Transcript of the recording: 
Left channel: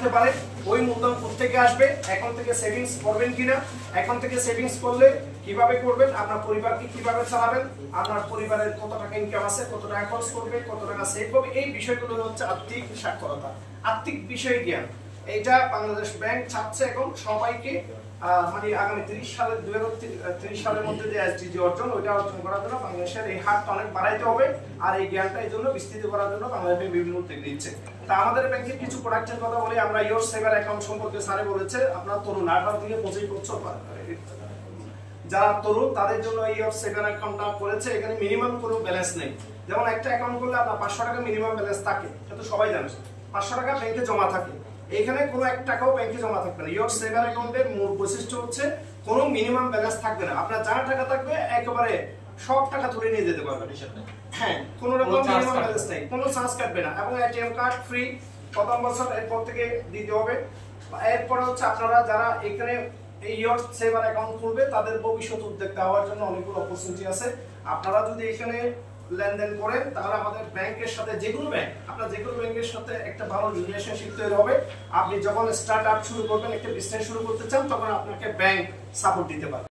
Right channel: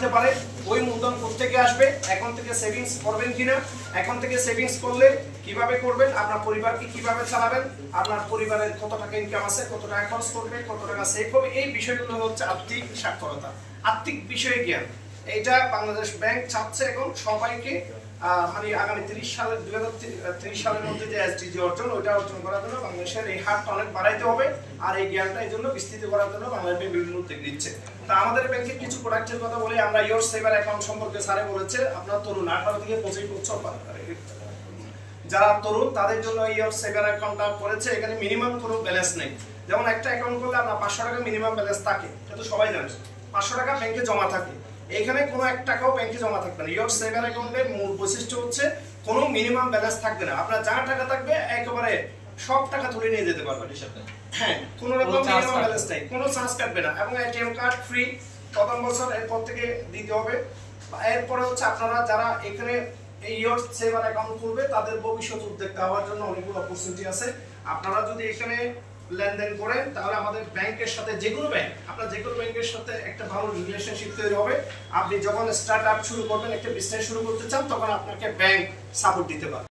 আসতে পারে, ওই মূলধন কোত্থেকে আসবে, এখন থেকে সেভিংস করবেন কিনা, এখন থেকে সেভিংস করলে কিভাবে করবেন, আপনার পরিবারকে কিভাবে চালাবেন, আপনার পরিবারের কত টাকা ইনকাম আছে, কত টাকা খরচ করবে, কত টাকা সেভ হবে, এই বিষয়গুলো হচ্ছে আর্থিক সাক্ষরতা, আর্থিক বিষয় জ্ঞান। এইটা বাংলাদেশ ব্যাংক চাচ্ছে এখন সবাইকে মানে আগামী 2030 সালের মধ্যে যে এসডিজি অর্জন, ওইটা অর্জন করার জন্য বাংলাদেশের এই হারটা অনেক বাড়াইতে হবে, আর এই জ্ঞানটা এই জন্য বিস্তৃত করার জন্য বাংলাদেশ ব্যাংক বিভিন্ন উদ্যোগ নিচ্ছে। তা আমাদের ব্যাংকের কিছু প্রোডাক্টের কথা বলি আমরা। ইয়োর সেভার অ্যাকাউন্ট সম্পর্কে স্যারে বলেছে, আপনার তরুণ 18 থেকে 25 বছর যারা তরুণ তাদের জন্য ইয়োর সেভার অ্যাকাউন্টটা করেছে। এখানে মিনিমাম কোনো ব্যালেন্স নেই, যেমন একটা অ্যাকাউন্ট করলে আপনার 500 টাকা মিনিমাম ব্যালেন্স থাকে, এটা তো সবাই জানে, 500 টাকা ব্যাংকে জমা থাকে। এখানে কোনো 1 টাকাও ব্যাংকে জমা থাকবে না। ইয়োর সেভার অ্যাকাউন্টের মূল বৈশিষ্ট্য হচ্ছে কোনো মিনিমাম ব্যালেন্স থাকবে না, আপনার যা টাকা থাকবে একেবারে সব টাকা তুলে নিয়ে যেতে পারবেন। হ্যাঁ, কোনো রকম মিনিমাম ব্যালেন্স নাই, কোনো চার্জ কাটবে না, এবং এটিএম কার্ড ফ্রি প্রথম বছর, এরপর থেকে দিতে হবে। এরপরে হচ্ছে আপনারা যারা এখানে এই ইয়োর সেভার অ্যাকাউন্ট খুলবে তাদের ভবিষ্যৎ উদ্যোক্তা হওয়ার জন্য অনেকগুলো অপরচুনিটি আছে। আপনারা যদি এখানে লেনদেন করেন তাহলে আমাদের ব্যাংকের সাথে, যে কোনো ব্যাংক, আপনার যে কোনো ব্যাংকের সাথে একটা ভালো রিলেশনশিপ তৈরি হবে। আপনি যখন স্টার্ট আপ শুরু করবেন, একটা বিজনেস শুরু করতে চান, তখন আপনাকে ব্যাংক সাপোর্ট দিতে পারে।